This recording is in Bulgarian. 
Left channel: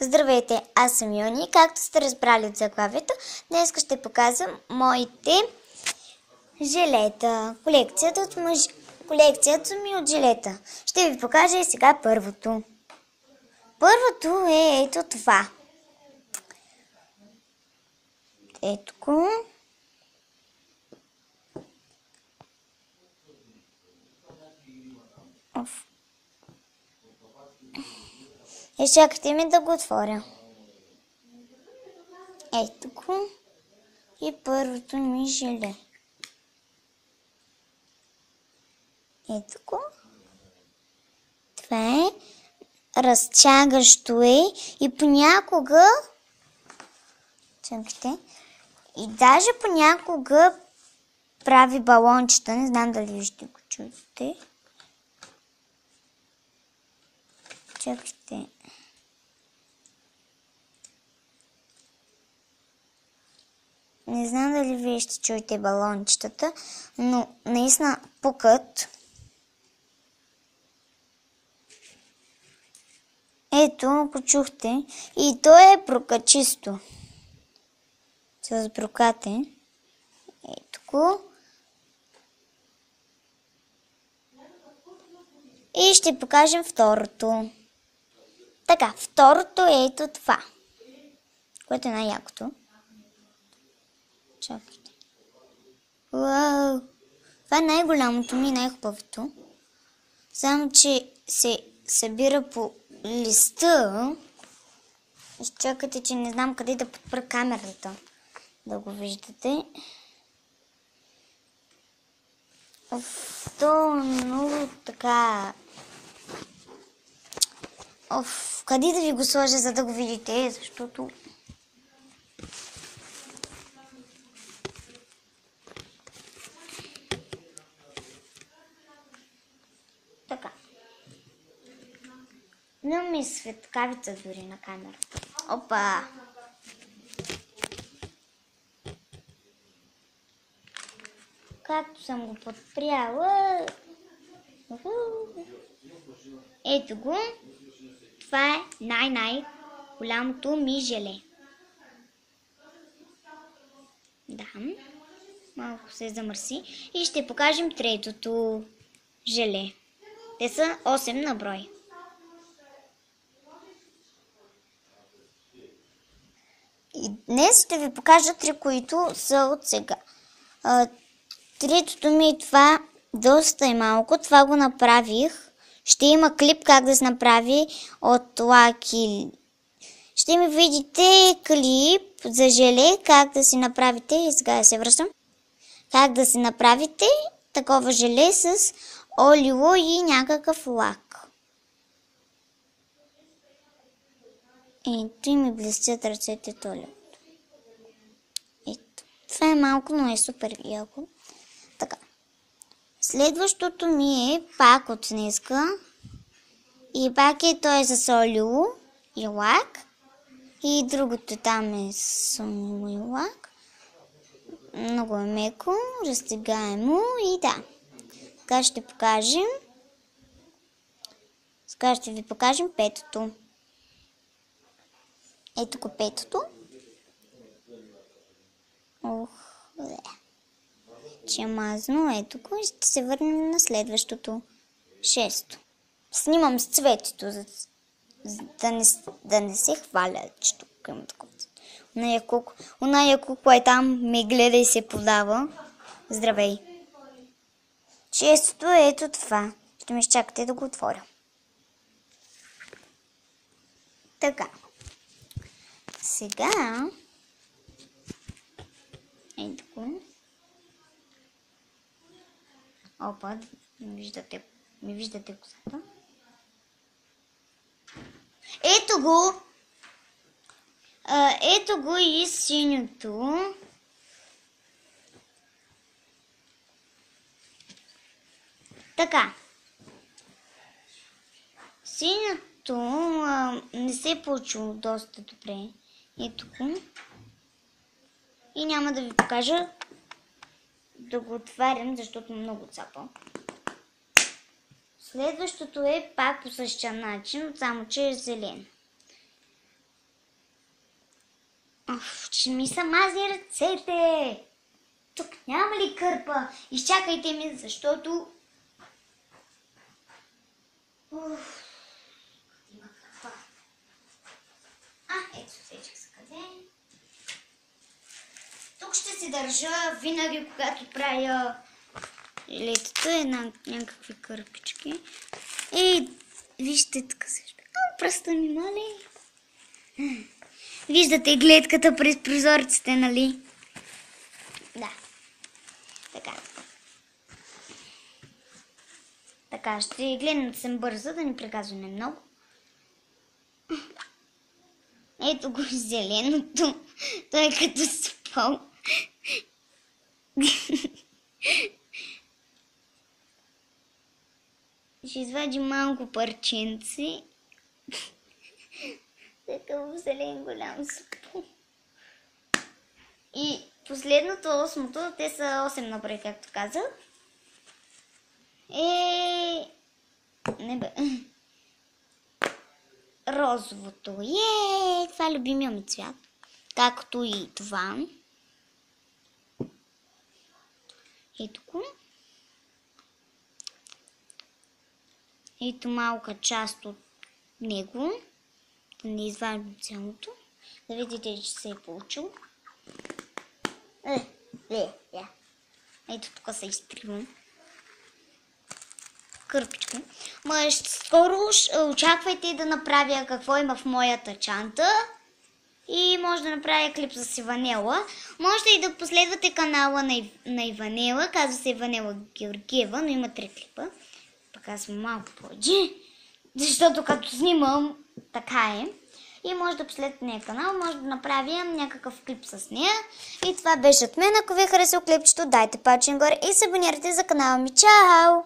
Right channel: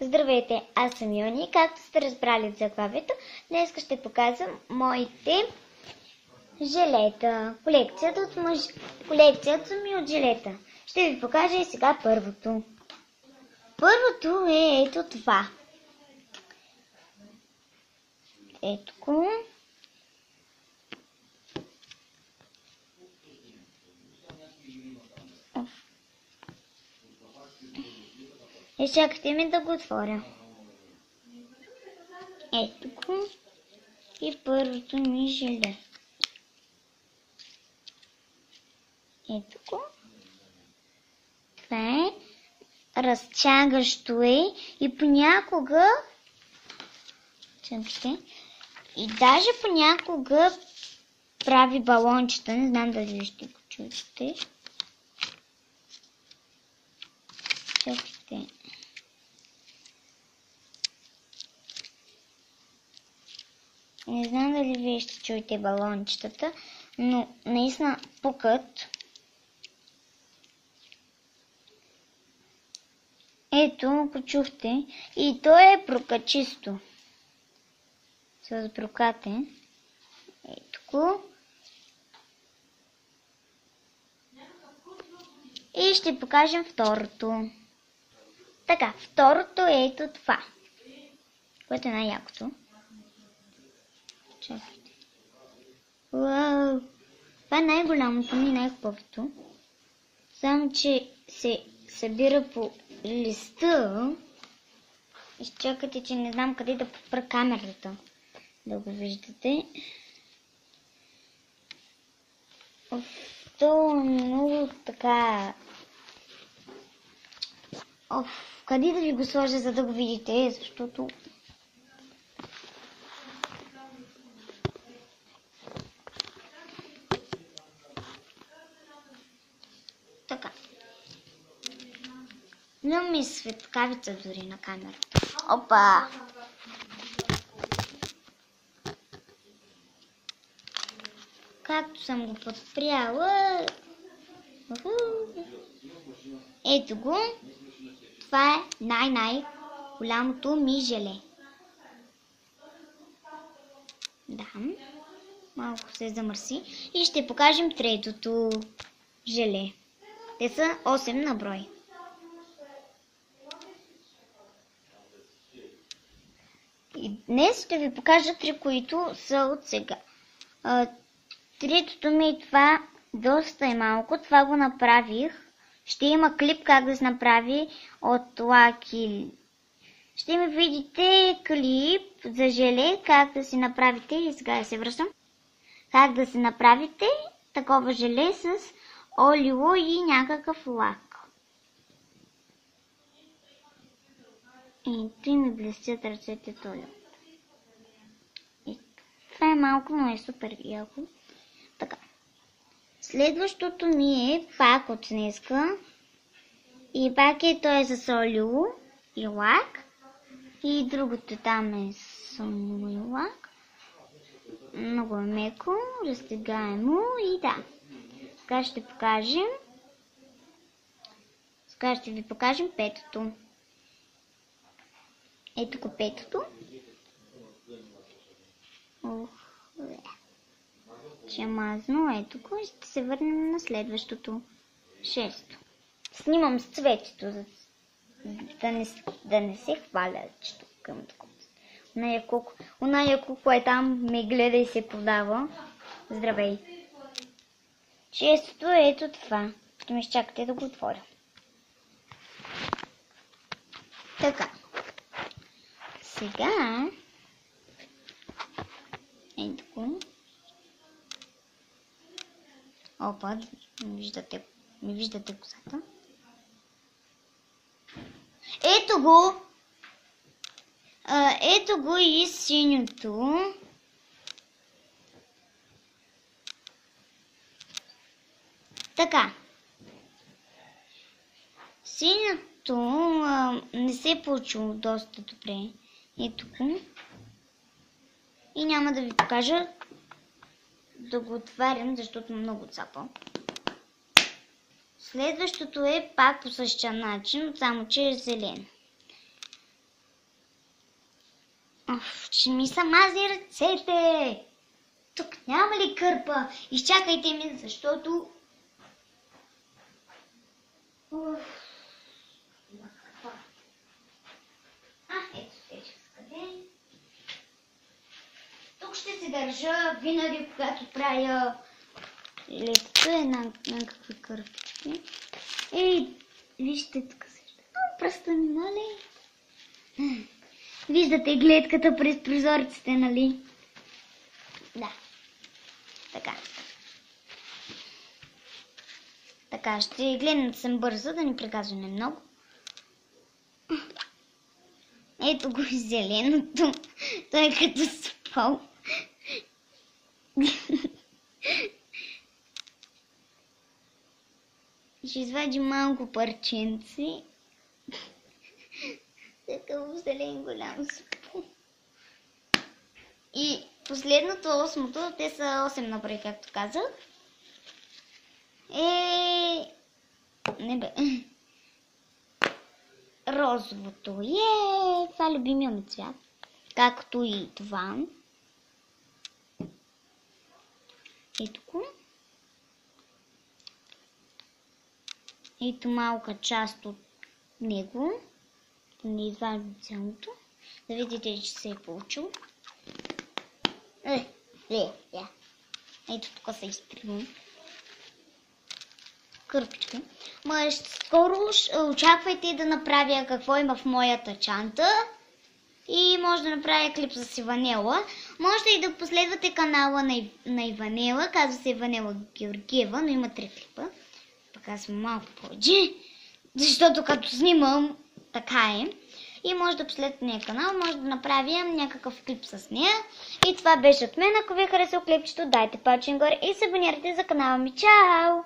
Здравейте, аз съм Йони. Както сте разбрали от заглавието, днес ще показвам моите жилета. Колекцията ми от жилета. Ще ви покажа и сега първото. Първото е ето това. Ето го. Чакайте ми да го отворя. Ето го. И първото ми жиле. Ето го. Това е. Разтягащо е. И понякога... Чакайте. И даже понякога прави балончета. Не знам дали ще го чуете. Чакайте. Не знам дали вие ще чуете балончетата, но наистина пукат. Ето, ако чухте. И то е прокачисто. С брокате. Ето го. И ще покажем второто. Така, второто е ето това. Което е най-якото. Чакайте. Уау! Това е най-голямото ми и най-хубавото. Само, че се събира по листа. Изчакайте, че не знам къде да подпра камерата. Да го виждате. То е много така... къде да ви го сложа, за да го видите, защото... Така. Нямам и светкавица дори на камерата. Опа! Както съм го подпряла... Ето го. Това е най-голямото ми желе. Да. Малко се замърси. И ще покажем третото желе. Те са 8 на брой. И днес ще ви покажа 3, които са от сега. Третото ми е това. Доста е малко. Това го направих. Ще има клип как да се направи от лаки. Ще ми видите клип за желе, как да си направите. И сега се връщам. Как да си направите такова желе с олио и някакъв лак. Ето и ми блестят ръцете от олиото. Ето. Това е малко, но е супер яко. Така. Следващото ми е пак от днеска. И пак е той с олио и лак. И другото там е с олио и лак. Много е меко, разтегаемо и да. Сега ще покажем. Сега ще ви покажем петото. Ето го петото. Че мазно, ето го и ще се върнем на следващото. Шесто. Снимам с цветето, за да не се хваля, че тук имам такова. Оная кукла е там, ме гледа и се подава. Здравей! Шестото е ето това. Ще ме изчакате да го отворя. Така. Сега... Ето го. Опа, ми виждате косата. Ето го! Ето го и синьото. Така. Синьото не се е получило доста добре. Ето го. И няма да ви покажа да го отварям, защото много цапа. Следващото е пак по същия начин, само че е зелен. Ще ми са мазни ръцете. Тук няма ли кърпа? Изчакайте ми, защото... Има кърпа. Ето сечех с къде. Тук ще се държа винаги, когато правя летата, някакви кърпички. Вижте тук също. Пръста ми, моля. Виждате гледката през прозорците, нали? Да. Така. Така, ще гледам да съм бърза, да ни приказваме много. Ето го зеленото. Той е като спал. Ще извади малко парченци. Такъв зелен голям спал. И последното, 8-то, те са 8 напред, както казах. Не бе. Розовото. Това е любимия ми цвят. Както и това. Ето го. Ето малка част от него. Да не извадим цялото. Да видите, че се е получил. Ето тук се изтривам. Кърпички. Скоро очаквайте да направя какво има в моята чанта. И може да направя клип с Иванела. Можете и да последвате канала на Иванела. Казва се Иванела Георгиева, но има 3 клипа. Пък аз съм малко повече. Защото като снимам, така е. И може да последвате нея канал, може да направя някакъв клип с нея. И това беше от мен. Ако ви е харесало клипчето, дайте палче нагоре и се абонирайте за канала ми. Чао!